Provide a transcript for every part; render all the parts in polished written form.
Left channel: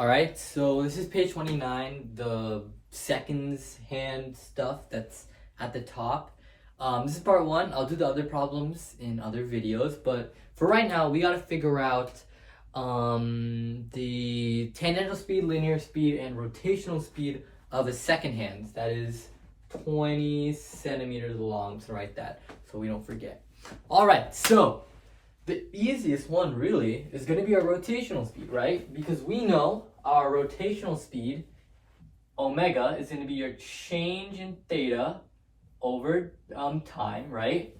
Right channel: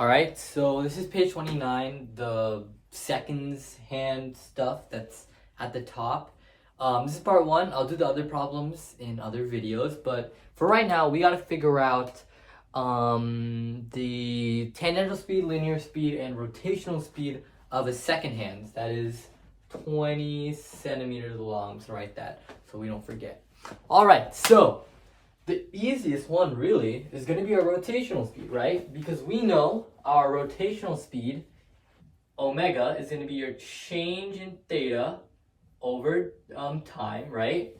Alright, so this is page 29, the seconds hand stuff that's at the top. This is part one. I'll do the other problems in other videos, but for right now, we gotta figure out the tangential speed, linear speed, and rotational speed of a second hand that is 20 centimeters long. So write that so we don't forget. Alright, so the easiest one really is going to be our rotational speed, right? Because we know our rotational speed, omega, is going to be your change in theta over time, right?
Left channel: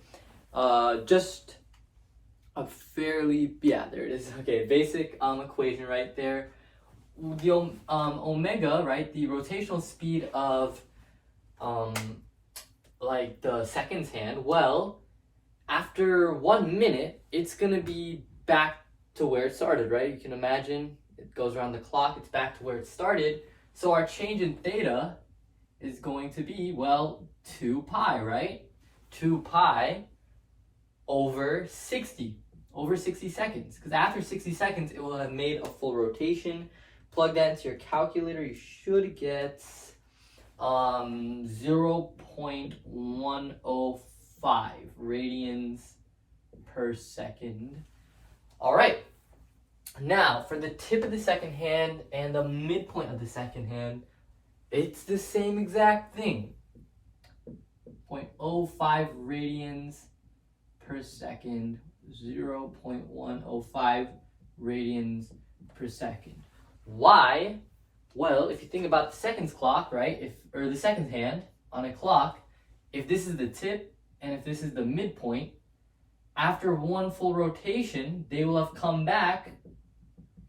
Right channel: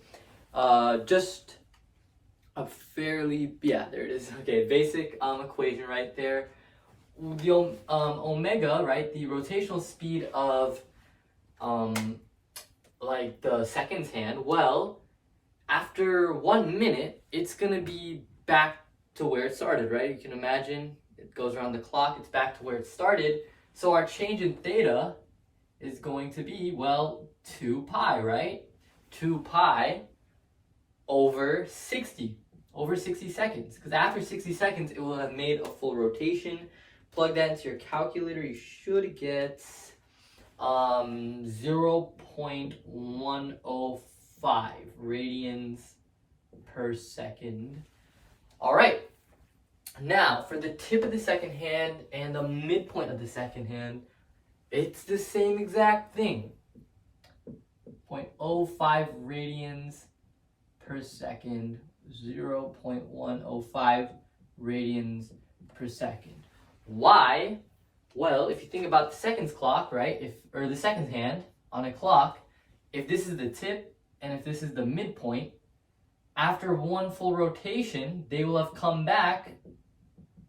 Just a fairly, there it is. Okay, basic equation right there. The omega, right? The rotational speed of like the seconds hand, well, after 1 minute, it's going to be back to where it started, right? You can imagine it goes around the clock, it's back to where it started. So our change in theta is going to be, well, 2 pi, right? 2 pi over 60 seconds. Because after 60 seconds, it will have made a full rotation. Plug that into your calculator, you should get 0.105 radians per second. All right. Now, for the tip of the second hand and the midpoint of the second hand, it's the same exact thing. 0.05 radians per second, 0.105 radians per second. Why? Well, if you think about the seconds clock, right? Or the seconds hand on a clock, if this is the tip and if this is the midpoint, after one full rotation, they will have come back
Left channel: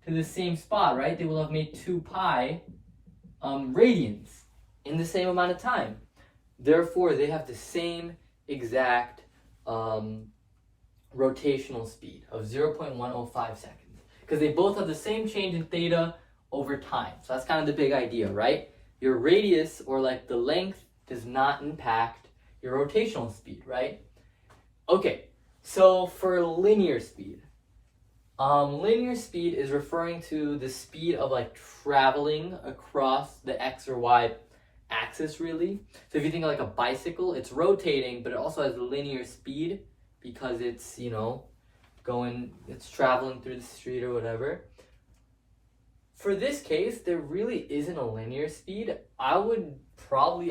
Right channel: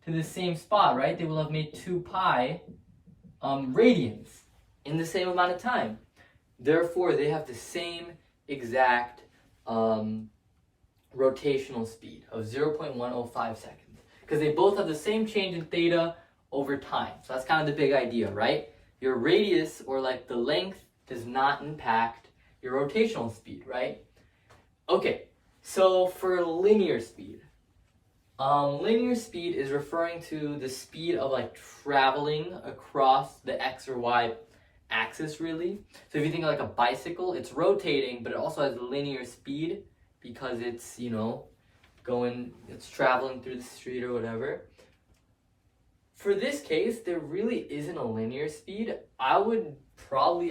to the same spot, right? They will have made 2 pi radians in the same amount of time. Therefore, they have the same exact rotational speed of 0.105 seconds because they both have the same change in theta over time. So that's kind of the big idea, right? Your radius, or like the length, does not impact your rotational speed, right? Okay, so for linear speed is referring to the speed of like traveling across the x or y axis, really. So if you think of like a bicycle, it's rotating, but it also has linear speed because it's, it's traveling through the street or whatever. For this case, there really isn't a linear speed. I'd cross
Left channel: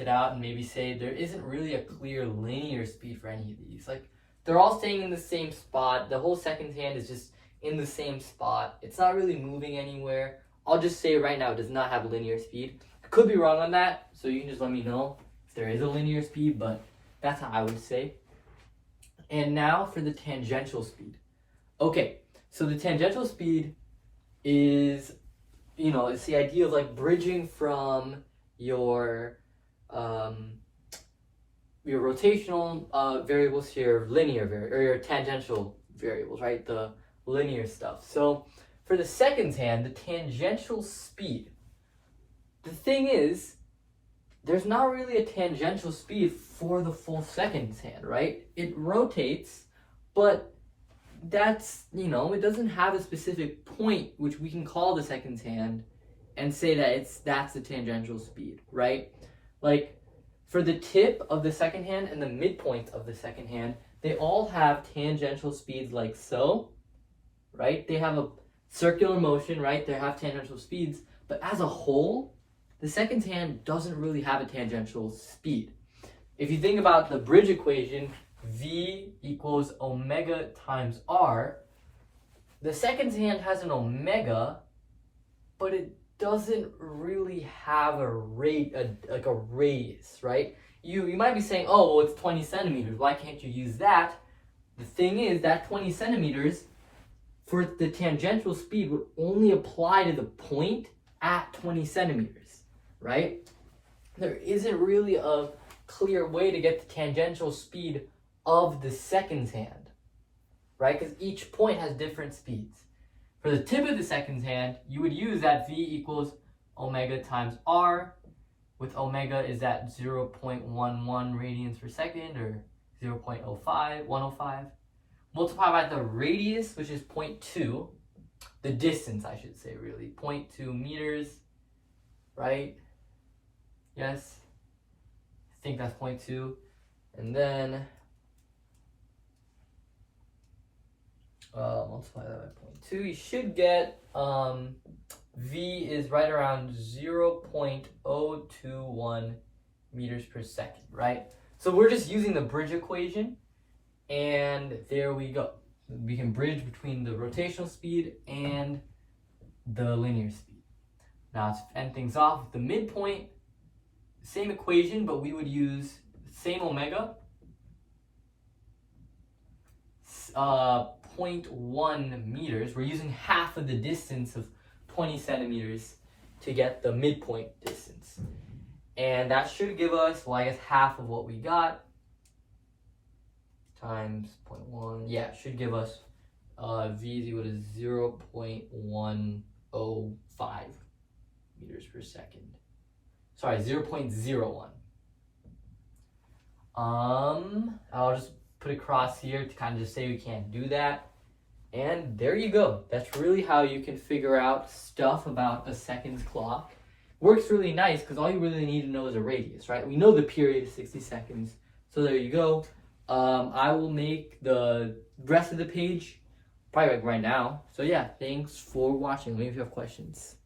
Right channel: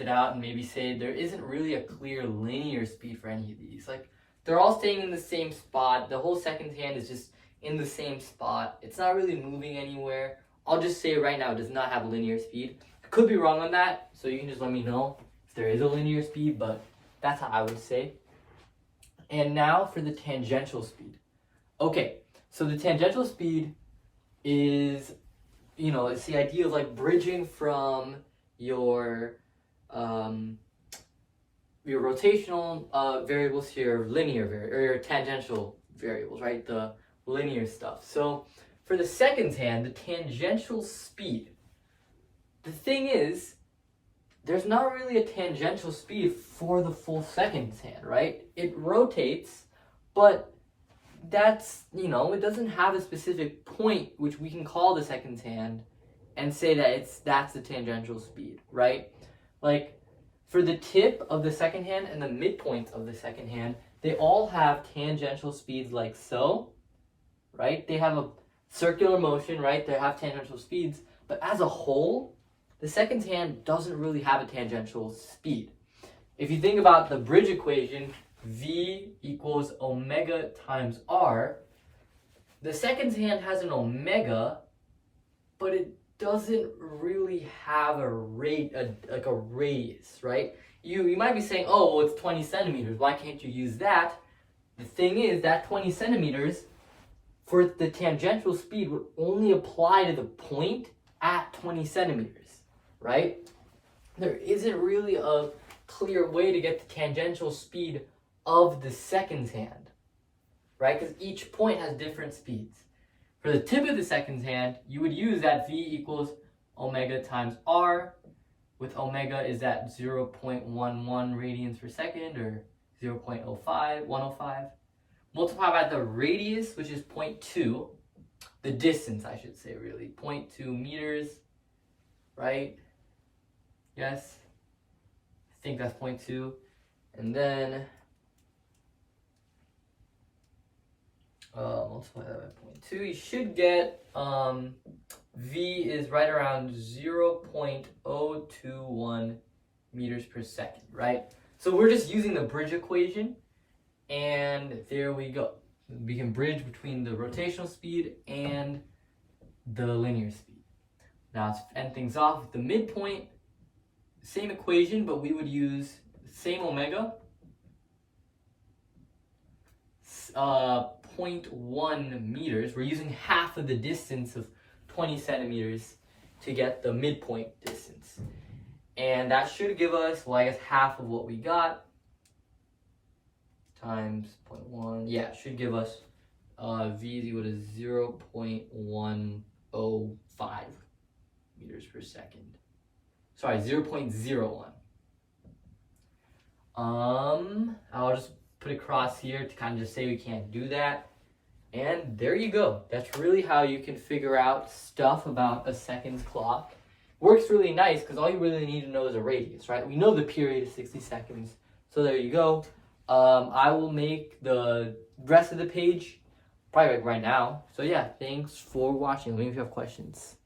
it out and maybe say there isn't really a clear linear speed for any of these. Like, they're all staying in the same spot. The whole second hand is just in the same spot. It's not really moving anywhere. I'll just say right now it does not have linear speed. I could be wrong on that, so you can just let me know if there is a linear speed, but that's how I would say. And now for the tangential speed. Okay, so the tangential speed is, it's the idea of like bridging from your rotational variables to your linear or your tangential variables, right? The linear stuff. So for the seconds hand, the tangential speed, the thing is, there's not really a tangential speed for the full seconds hand, right? It rotates, but that's, it doesn't have a specific point which we can call the seconds hand and say that that's the tangential speed, right? Like for the tip of the second hand and the midpoint of the second hand, they all have tangential speeds like so, right? They have a circular motion, right? They have tangential speeds, but as a whole, the seconds hand doesn't really have a tangential speed. If you think about the bridge equation, V equals omega times R, the seconds hand has an omega, but it doesn't really have a radius, right? You might be saying, oh, well, it's 20 centimeters. Why can't you use that? The thing is that 20 centimeters for the tangential speed would only apply to the point at 20 centimeters, right? There isn't really a clear way to get the tangential speed of the seconds hand, right? Because each point has different speeds. For the tip of the seconds hand, you would use that V equals omega times R, with omega is at 0.11 radians per second, or 105. Multiply by the radius, which is 0.2, the distance, I should say, really. 0.2 meters, right? Yes? I think that's 0.2. And then multiply that by 0.2. You should get V is right around 0.021 meters per second, right? So we're just using the bridge equation, and there we go. We can bridge between the rotational speed and the linear speed. Now to end things off with the midpoint, same equation, but we would use same omega, 0.1 meters. We're using half of the distance of 20 centimeters to get the midpoint distance. And that should give us, well, I guess half of what we got times 0.1. Yeah, it should give us V is equal to 0.105 meters per second. Sorry, 0.01. I'll just put a cross here to kind of just say we can't do that. And there you go. That's really how you can figure out stuff about a seconds clock. Works really nice because all you really need to know is a radius, right? We know the period is 60 seconds. So there you go. I will make the rest of the page probably like right now. So yeah, thanks for watching. Let me know if you have questions.